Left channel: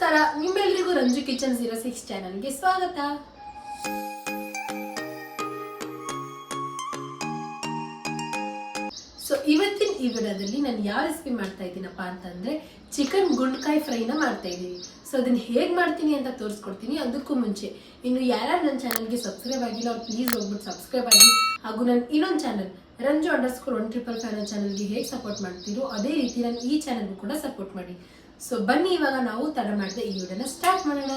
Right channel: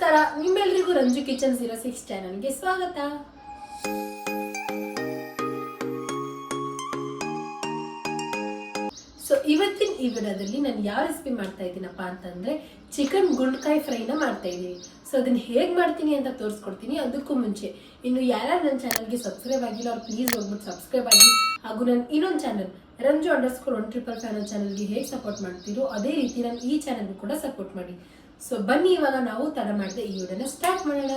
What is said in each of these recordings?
ನಮಸ್ಕಾರ. ನಿಮ್ಮೆಲ್ಲರಿಗೂ Ranju kitchen zero six ಚಾನಲ್ಗೆ ಸ್ವಾಗತ. ಸೊ ಇವತ್ತಿನ ಈ ವಿಡಿಯೋದಲ್ಲಿ ನಾನು ಯಾವ ರೆಸಿಪಿ ಮಾಡ್ತಾ ಇದ್ದೀನಪ್ಪ ಅಂತಂದ್ರೆ ಚಿಕನ್ ಗುಂಡ್ಕಾಯಿ ಫ್ರೈನ ಮಾಡ್ತಾ ಇದ್ದೀನಿ. ಸೊ ಅದನ್ನ ಹೇಗೆ ಮಾಡ್ತೀನಿ ಅಂತ ತೋರಿಸ್ಕೊಡ್ತೀನಿ ಅದಕ್ಕೂ ಮುಂಚೆ. ಇನ್ನು ಯಾರ್ಯಾರು ನನ್ನ ಚಾನಲ್ಗೆ ಸಬ್ಸ್ಕ್ರೈಬ್ ಆಗಿಲ್ಲ, ಅವ್ರು ಪ್ಲೀಸ್ ಹೋಗ್ಬಿಟ್ಟು ಸಬ್ಸ್ಕ್ರೈಬ್ ಆಗಿ. ಹಾಗೂ ನನ್ನ ಇನ್ನೊಂದು channel Ranju underscore one triple five ಚಾನಲ್ಗೆ ಹೇಗೆ ಸಪೋರ್ಟ್ ಮಾಡ್ತೀರೋ ಅದೇ ರೀತಿ ನಾನು ಈ ಚಾನಲ್ಗೂ ಕೂಡ ಸಪೋರ್ಟ್ ಮಾಡಿ. ಸೊ ಬನ್ನಿ, ಇವಾಗ ನಾವು ತಡ ಮಾಡಿದ ಈ ವಿಡಿಯೋನ ಸ್ಟಾರ್ಟ್ ಮಾಡೋಣ.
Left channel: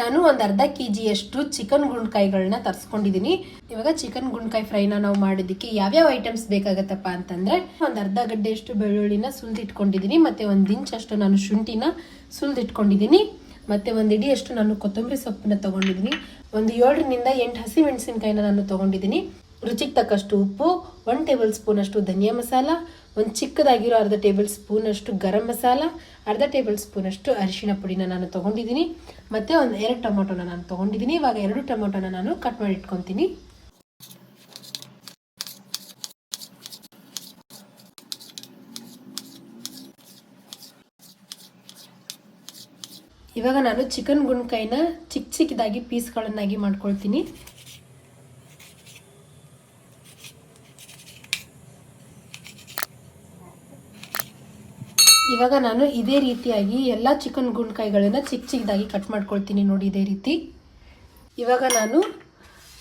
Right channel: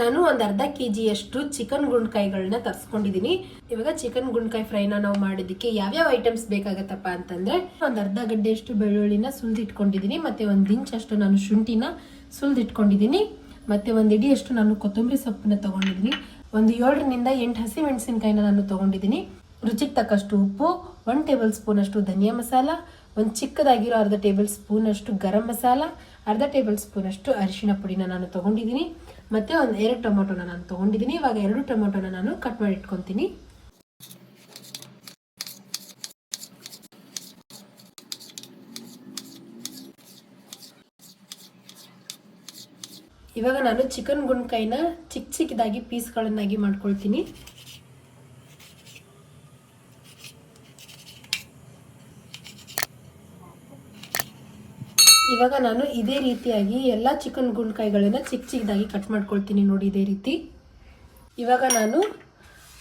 ನಾನು ಒಂದು ಅರ್ಧ ಕೆ ಜಿಯಷ್ಟು ಚಿಕನ್ ಗುಂಡ್ಕಾಯಿಗಳನ್ನ ತರಿಸ್ಕೊಂಡಿದ್ದೀನಿ ಇವಾಗ ಚಿಕನ್ ಗುಂಡ್ಕಾಯಿ ಫ್ರೈನ ನಾವು ಮಾಡೋದಕ್ಕೆ ಯಾವ್ಯಾವ ಐಟಮ್ಸ್ ಬೇಕಾಗತ್ತಪ್ಪ ಅಂತಂದ್ರೆ ಒಂದು ಅರ್ಧ ಗಡ್ಡೆಯಷ್ಟು ಬೆಳ್ಳುಳ್ಳಿನ ಸುಲಿದಿಟ್ಕೊಂಡಿದ್ದೀನಿ ಮತ್ತೆ ಒಂದು ಇಂಚಷ್ಟು ನಾನು ಶುಂಠಿನ ಸುಲಿದಿಟ್ಕೊಂಡಿದ್ದೀನಿ ಮತ್ತೆ ಒಂದು ಇಡಿಯಷ್ಟು ನಾನು ಕೊತ್ತಂಬರಿ ಸೊಪ್ಪನ್ನ ತಗೊಂಡಿದ್ದೀನಿ ಒಂದು ಏಳರಿಂದ ಎಂಟು ಹಸಿ ಮೆಣಸಿನಕಾಯಿನ ನಾನು ತೊಗೊಂಡಿದ್ದೀನಿ ರುಚಿಗೆ ತಕ್ಕಷ್ಟು ಉಪ್ಪು ಒನ್ ಟೇಬಲ್ ಸ್ಪೂನ್ ಅಷ್ಟು ಧನಿಯಾ ಮಸಾಲ, ಒಂದು ಚಿಕ್ಕದಾಗಿರೋ ಅರ್ಧ ಟೇಬಲ್ ಸ್ಪೂನ್ ಅಷ್ಟು ಗರಂ ಮಸಾಲ ಅರ್ಧ ಟೇಬಲ್ ಸ್ಪೂನ್ ಅಷ್ಟು ಅರಿಶಿಣ ಪುಡಿನ ನಾನು ತಗೊಂಡಿದ್ದೀನಿ. ಮತ್ತೆ ಒಂದು ಎರಡು ಟೊಮೊಟೊನ ನಾನು ತಗೊಂಡಿದ್ದೀನಿ. ಇವಾಗ ಎರಡು ಟೊಮೊಟೊನ ನಾನು ಕಟ್ ಮಾಡಿ ಇಟ್ಕೊತೀನಿ. ಇವಾಗ ನಾನು ಚಿಕನ್ ಗುಂಡ್ಕಾಯಿನ ಚಿಕ್ಕ ಚಿಕ್ಕದಾಗಿ ಪೀಸ್ಗಳನ್ನಾಗಿ ಮಾಡ್ಕೊಳ್ತೀನಿ. ಇವಾಗ ನಾನು ಇದೇ ರೀತಿಯಾಗಿ ಎಲ್ಲ ಚಿಕನ್ ಗುಂಡ್ಕಾಯಿಗಳನ್ನ ಚಿಕ್ಕ ಚಿಕ್ಕದಾಗಿ ಕಟ್ ಮಾಡ್ಕೊಳ್ತೀನಿ ನೋಡಿ ಇದೇ ರೀತಿ. ಇವಾಗ ನಾನು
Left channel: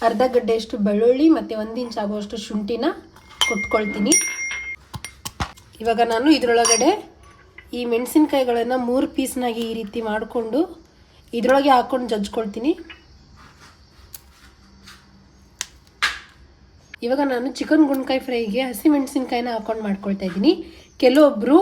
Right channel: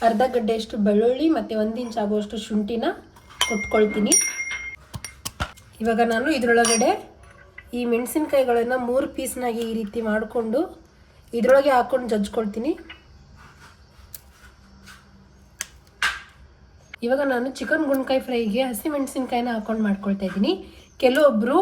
ಅರ್ಧ ಗಡ್ಡೆಯಷ್ಟು ಬೆಳ್ಳುಳ್ಳಿ ಮತ್ತು ಒಂದು ಇಂಚ್ ಆಗುವಷ್ಟು ಶುಂಠಿನ ಕೊಟ್ಕೊಳ್ತೀನಿ. ಇವಾಗ ನಾನು ಇದರೊಳಗಡೆ ಈ ಮೆಣಸಿನ್ಕಾಯಿಗಳನ್ನು ಮೂರು ಪೀಸ್ನಾಗಿ ಈ ರೀತಿ ಮಾಡಿಕೊಂಡು ಇದರೊಳಗೆ ಹಾಕೊಂಡು ಜಜ್ಕೊಳ್ತೀನಿ. ಇವಾಗ ನಾನು ಚಿಕನ್ ಗುಂಡ್ಕಾಯಿ ಫ್ರೈಗೆ ಹಸಿ ಮೆಣಸಿನ್ಕಾಯಿನ ಹಾಕೊಂಡು ಮಾಡ್ಕೊಳ್ತಾ ಇದ್ದೀನಿ. ಕೆಲವೊಬ್ಬರು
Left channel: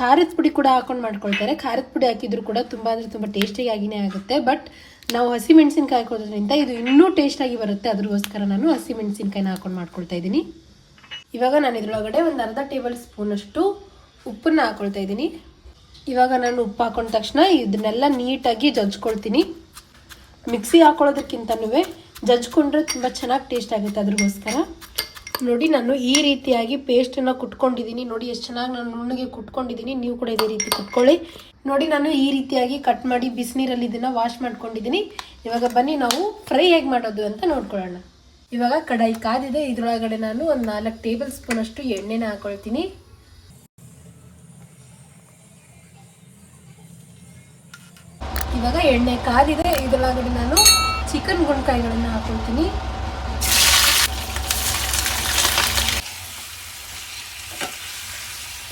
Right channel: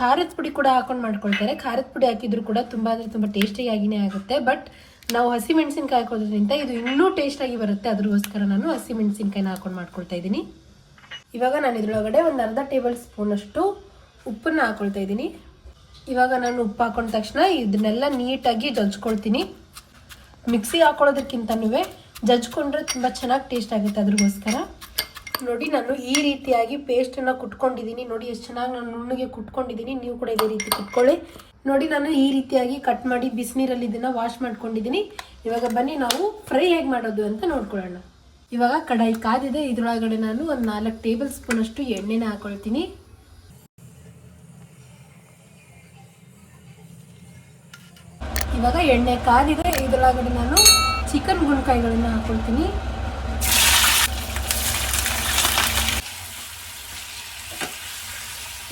ಖಾರದ ಪುಡಿ ಕೂಡ ಹಾಕೊಂಡು ಮಾಡ್ಕೊಳ್ತಾರೆ. ಖಾರದ ಪುಡಿ ಹಾಕಿದ್ರು ಕೂಡ ತುಂಬ ಅಂದರೆ ತುಂಬ ಟೇಸ್ಟಿಯಾಗಿನೇ ಆಗುತ್ತೆ. ಬಟ್ ನಾವು ಹಸಿ ಮೆಣಸಿನ್ಕಾಯಿ ಹಾಕೋದ್ರಿಂದ ಇದು ಇನ್ನೂ ಟೇಸ್ಟಾಗಿ ಬರುತ್ತೆ. ಅದ್ರಗೋಸ್ಕರ ನಾನು ಹಸಿ ಮೆಣಸಿನ್ಕಾಯಿನ ಹಾಕೊಂಡು ಮಾಡ್ಕೊಳ್ತಾ ಇದ್ದೀನಿ. ಇವಾಗ ನಾನು ಇದರೊಳಗಡೆ ಒಂದು ಅರ್ಧ ಟೇಬಲ್ ಸ್ಪೂನಷ್ಟು ಉಪ್ಪನ್ನ ಹಾಕೊಳ್ತಾ ಇದ್ದೀನಿ. ಇವಾಗ ನಾನು ಉಪ್ಪು ಹಾಕೊಂಡ ತಕ್ಷಣ ಇದನ್ನೆಲ್ಲ ನೀಟಾಗಿ ಜಜ್ಕೊಳ್ತೀನಿ. ಮಿಕ್ಸಿ ಹಾಕೊಳ್ಳೋದಕ್ಕಿಂತನೂ ಜಜ್ಕೊಂಡ್ರೆ ತುಂಬ ಚೆನ್ನಾಗಿ ಟೇಸ್ಟ್ ಆಗುತ್ತೆ ಅದ್ರಗೋಸ್ಕರ. ನೋಡಿ, ನಾನು ಈ ರೀತಿಯಾಗಿ ಪೇಸ್ಟನ್ನ ಕುಟ್ಕೊಂಡಿದ್ದೀನಿ. ನೋಡಿ, ಎಷ್ಟು ಚೆನ್ನಾಗಿ ನಾನು ನುಣ್ಣಗೆ ಕುಟ್ಕೊಂಡಿದ್ದೀನಿ. ನೀವು ಕೂಡ ಇದೇ ರೀತಿ ಕುಟ್ಕೊಳ್ಳಿ. ನೋಡಿ, ನಾನು ಈ ರೀತಿಯಾಗಿ ಕಟ್ ಮಾಡಿ ಬಿಸಿನೀರಲ್ಲಿ ಇದನ್ನು ವಾಶ್ ಮಾಡ್ಕೊಂಡಿದ್ದೀನಿ. ಇವಾಗ ಬನ್ನಿ, ನಾವು ಫ್ರೈ ಹೇಗೆ ಮಾಡೋದು ಅಂತ ನೋಡ್ಕೊಳ್ಳೋಣ. ಇವಾಗ ಕಡಾಯಿ ಕಾದಿದೆ. ಇದರೊಳಗಡೆ ನಾನು ಒಂದು ನಾಲ್ಕು ಟೇಬಲ್ ಸ್ಪೂನ್ ಅಷ್ಟು ಎಣ್ಣೆನ ಹಾಕೊಳ್ತೀನಿ. ಇವಾಗ ಎಣ್ಣೆ ಕಾದಿದೆ. ಇದರೊಳಗಡೆ ನಾನು ಚಿಕನ್ ಗುಣಕಾಯಿಗಳನ್ನು ಹಾಕೊಳ್ತೀನಿ.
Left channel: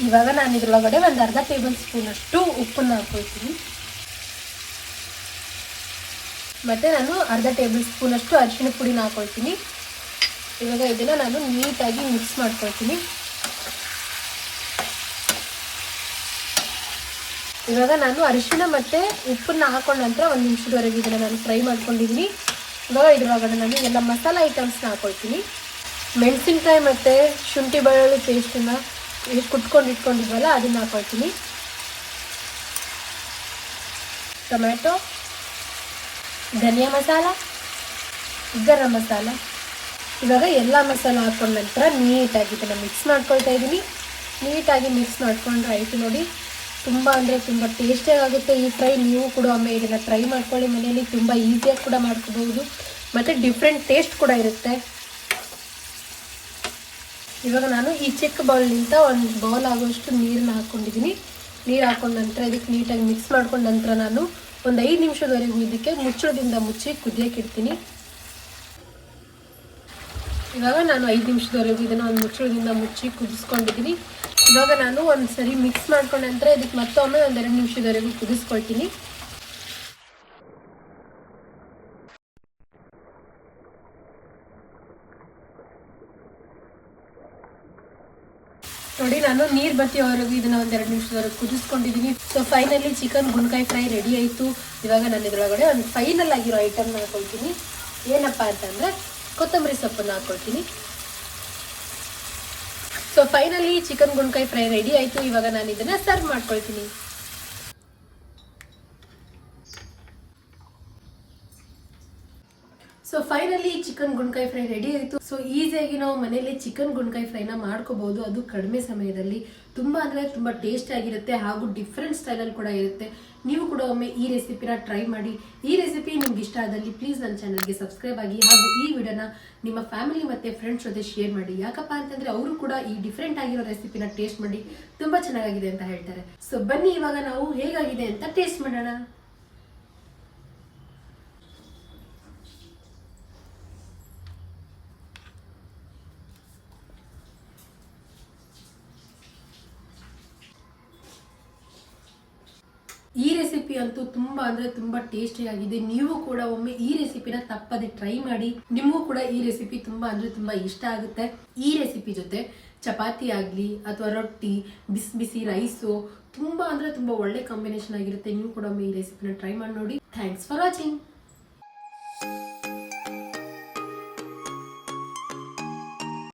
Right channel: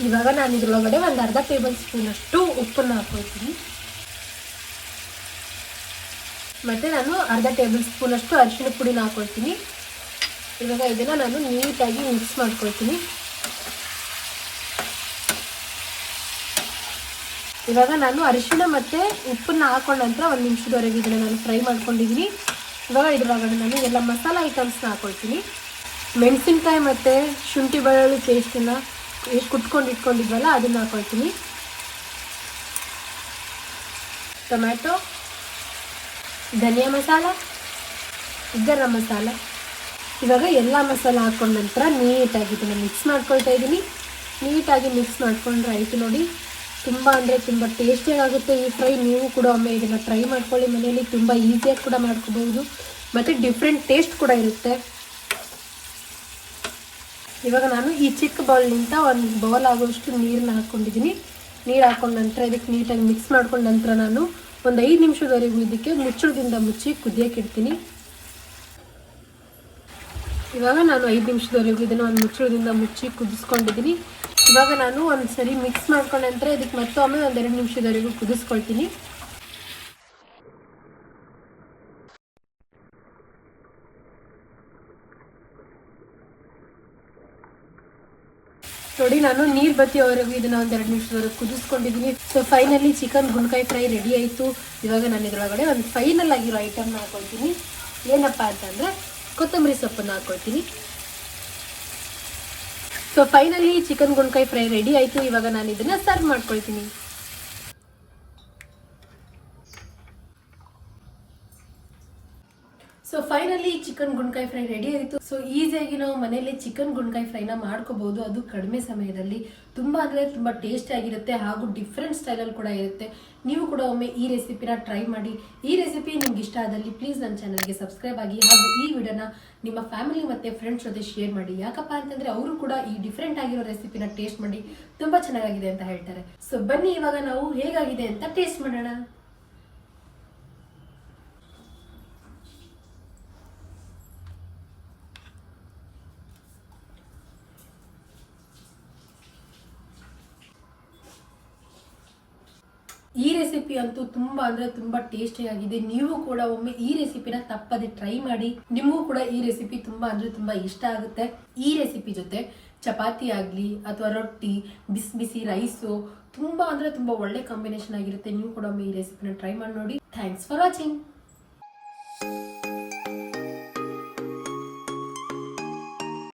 ಇವಾಗ ನಾನು ಇದ್ರೊಳಗಡೆ ಒಂದು ಅರ್ಧ ಟೇಬಲ್ ಸ್ಪೂನ್ ಉಪ್ಪನ್ನು ಹಾಕೋತೀನಿ ಮತ್ತೆ ನಾನು ಅರ್ಧ ಟೇಬಲ್ ಸ್ಪೂನ್ ಅಷ್ಟು ಅರಿಶಿಣ ಪುಡಿನ ಹಾಕೊಳ್ತೀನಿ ಇವಾಗ ಇದನ್ನು ನಾನು ನೀಟಾಗಿ ಮಿಕ್ಸ್ ಮಾಡ್ಕೊಳ್ತೀನಿ. ಇವಾಗ ನಾನು ಅರಿಶಿಣ ಮತ್ತು ಉಪ್ಪನ್ನ ಹಾಕೊಂಡ ನಂತರ ಒಂದು ನಿಮಿಷದವರೆಗೆ ಇದನ್ನು ನಾನು ಫ್ರೈ ಮಾಡ್ಕೊಂಡಿದ್ದೀನಿ. ಇವಾಗ ಇದರೊಳಗಡೆ ನಾನು ಎಲ್ಲ ಮಸಾಲೆ ಐಟಮ್ಸ್ನ ಹಾಕೊಳ್ತೀನಿ ಮೆಣಸಿನ್ಕಾಯಿ ಮತ್ತು ಶುಂಠಿ ಬೆಳ್ಳುಳ್ಳಿ ಪೇಸ್ಟನ್ನು ಕುಟ್ಕೊಂಡು ಇಟ್ಕೊಂಡಿದ್ವಲ್ಲ ಅದನ್ನ ಹಾಕೊಳ್ತೀನಿ. ಟೊಮ್ಯಾಟೊ, ಧನಿಯಾ ಮಸಾಲ, ಗರಂ ಮಸಾಲ. ಇವಾಗ ಎಲ್ಲ ಮಸಾಲ ಹಾಕೊಂಡ ನಂತರ ನೀಟಾಗಿ ಇದನ್ನು ಮಿಕ್ಸ್ ಮಾಡ್ಕೊಳ್ತಾ ಇದ್ದೀನಿ. ನೀಟಾಗಿ ಮಿಕ್ಸ್ ಮಾಡ್ಕೊಂಡು ಆಯಿತು ನೋಡಿ. ತುಂಬ ಅಂದರೆ ತುಂಬ ಟೇಸ್ಟಿಯಾಗುತ್ತೆ ಈ ಫ್ರೈ ನೀವು ಕೂಡ ಒಮ್ಮೆ ಇದನ್ನು ಫ್ರೈ ಮಾಡ್ಕೊಳ್ಳಿ ಮನೆಯಲ್ಲಿ, ತುಂಬ ಈಸಿಯಾಗಿ ಕೂಡ ಮಾಡ್ಕೋಬಹುದು. ಮತ್ತು ಡಿಫ್ರೆಂಟ್ ಟೇಸ್ಟ್ ಕೂಡ ಇರುತ್ತೆ. ಇವಾಗ ನಾನು ಈ ಚಿಕ್ಕ ಬೌಲ್ನಿಂದ ಒಂದು ಬೌಲ್ ಆಗೋಷ್ಟು ನೀರನ್ನ ಹಾಕ್ಕೊಂಡಿದ್ದೀನಿ. ನೀರು ಹಾಕೊಂಡ ನಂತರ ಇದಕ್ಕೆ ನೀಟಾಗಿ ಮಿಕ್ಸ್ ಮಾಡ್ಕೊಂಡ ನಂತರ ನಾನು ಒಂದು ಐದು ನಿಮಿಷದವರೆಗೂ ಇದಕ್ಕೆ ಮುಚ್ಚಳದಿಂದ ಮುಚ್ಚಿ ಕುದಿಯಕ್ಕೆ ಇಡ್ತೀನಿ. ಇವಾಗ ನಾನು ಐದು ನಿಮಿಷದವರೆಗೂ ಇದನ್ನು ಒಂದು ಮುಚ್ಚಳದಿಂದ ಮುಚ್ಚಿ ಕುದಿಸ್ಕೊಂಡಿದ್ದೀನಿ. ಇವಾಗ ನಾನು ಒಂದು ಸರಿ ಮಿಕ್ಸ್ ಮಾಡ್ಕೊಂಡ ನಂತರ ಇದಕ್ಕೆ ಮತ್ತೊಮ್ಮೆ ಒಂದೆರಡು ನಿಮಿಷದವರೆಗೂ ಕುದಿಸ್ಕೊಳ್ತೀನಿ. ನೋಡಿ, ನಾನು ನೀರು ಬತ್ತಿಯವರೆಗೂ ಇದನ್ನ ಒಂದು ಎರಡು ನಿಮಿಷದವರೆಗೆ ಕುದಿಸ್ಕೊಂಡಿದ್ದೀನಿ ಸೊ ಫೈನಲಿ ಚಿಕನ್ ಗುಣಕಾಯಿ ಫ್ರೈ ರೆಡಿ ಆಯಿತು. ಇವಾಗ ನಾನು ಇದರೊಳಗಡೆ ಒಂದು ಫೈನಲ್ ಆಗಿರೋ ಐಟಮ್ನ ಹಾಕೊಳ್ತೀನಿ. ಏನಪ್ಪ ಅಂತಂದರೆ, ಕೊತ್ತಂಬರಿ ಸೊಪ್ಪನ್ನು ಹಾಕೊಳ್ತೀನಿ. ಸೊ ಫೈನಲಿ ಚಿಕನ್ ಗುಣಕಾಯಿ ಫ್ರೈ ರೆಡಿ ಆಯಿತು. ಇವಾಗ ನಾನು ಇದನ್ನ ಸರ್ವ್ ಮಾಡ್ಕೊಳ್ತೀನಿ. ಸೊ ಫೈನಲಿ ಚಿಕನ್ ಗುಂಡ್ಕಾಯಿ ಫ್ರೈ ರೆಡಿ ಆಯಿತು. ಸೊ ಈಸಿಯಾಗಿ ನಾವು ಮನೆಯಲ್ಲಿ ಚಿಕನ್ ಗುಂಡ್ಕಾಯಿ ಫ್ರೈನ ಮಾಡ್ಕೋಬಹುದು ಅದು ಕಡಿಮೆ ಸಮಯದಲ್ಲಿ ತುಂಬಾ ಅಂದ್ರೆ ತುಂಬಾ ಟೇಸ್ಟ್ ಆಗಿರುತ್ತೆ ಹಾಗೂ ಡಿಫ್ರೆಂಟ್ ಸ್ಟೈಲಲ್ಲಿ ಕೂಡ ಇರುತ್ತೆ. ನೀವು ಕೂಡ ಒಮ್ಮೆ ಈ ರೆಸಿಪಿನ ಟ್ರೈ ಮಾಡಿ. ಈ ರೆಸಿಪಿ ನಿಮ್ಗೆ ಇಷ್ಟ ಆದಲ್ಲಿ ಪ್ಲೀಸ್ ನನ್ನ ಚಾನಲ್ಗೆ ಸಬ್ಸ್ಕ್ರೈಬ್ ಆಗಿ ಹಾಗೂ ಈ ವಿಡಿಯೋನ ನಿಮ್ಮ ಫ್ಯಾಮಿಲಿ ಮತ್ತೆ ಫ್ರೆಂಡ್ಸ್ ಜೊತೆ ಶೇರ್ ಮಾಡಿ. ಯಾಕಪ್ಪ ಅಂತಂದ್ರೆ ಅವರು ಕೂಡ ಈ ಡಿಫ್ರೆಂಟ್ ಆಗಿರೋ ರೆಸಿಪಿನ ಟೇಸ್ಟ್ ಮಾಡಿ. ತುಂಬಾ ಚೆನ್ನಾಗಿದೆ ಅಂತ ಹೇಳ್ತಾರೆ. ಸೊ ಬನ್ನಿ ಇವಾಗ ನಾವು ಹೇಗಾಗಿದೆ ಅಂತ ಟೇಸ್ಟ್ ಮಾಡೋಣ. ಈ ರೆಸಿಪಿ ಅಂತೂ ತುಂಬಾ ಅಂದ್ರೆ ತುಂಬಾ ಟೇಸ್ಟಿ ಆಗಿದೆ. ನೀವು ಕೂಡ ಒಮ್ಮೆ ಈ ರೆಸಿಪಿನ ತಪ್ಪದೆ ಟ್ರೈ ಮಾಡಿ. ನಿಮಗೂ ಕೂಡ ಈ ರೆಸಿಪಿ ತುಂಬಾ ಅಂದ್ರೆ ತುಂಬಾ ಇಷ್ಟ ಆಗುತ್ತೆ. ಈ ರೆಸಿಪಿ ಜೊತೆ ಚಪಾತಿ ಆಗ್ಲಿ ಅಥವಾ ರೊಟ್ಟಿ, ಬಿಸಿ ಬಿಸಿ ರೈಸು ತುಂಬಾ ಅಂದ್ರೆ ತುಂಬಾ ಒಳ್ಳೆ ಕಾಂಬಿನೇಷನ್ ಆಗಿರುತ್ತೆ. ನೀವು ಕೂಡ ಒಮ್ಮೆ ಈ ರೆಸಿಪಿನ ಟ್ರೈ ಮಾಡಿ ನೋಡಿ. Thanks for watching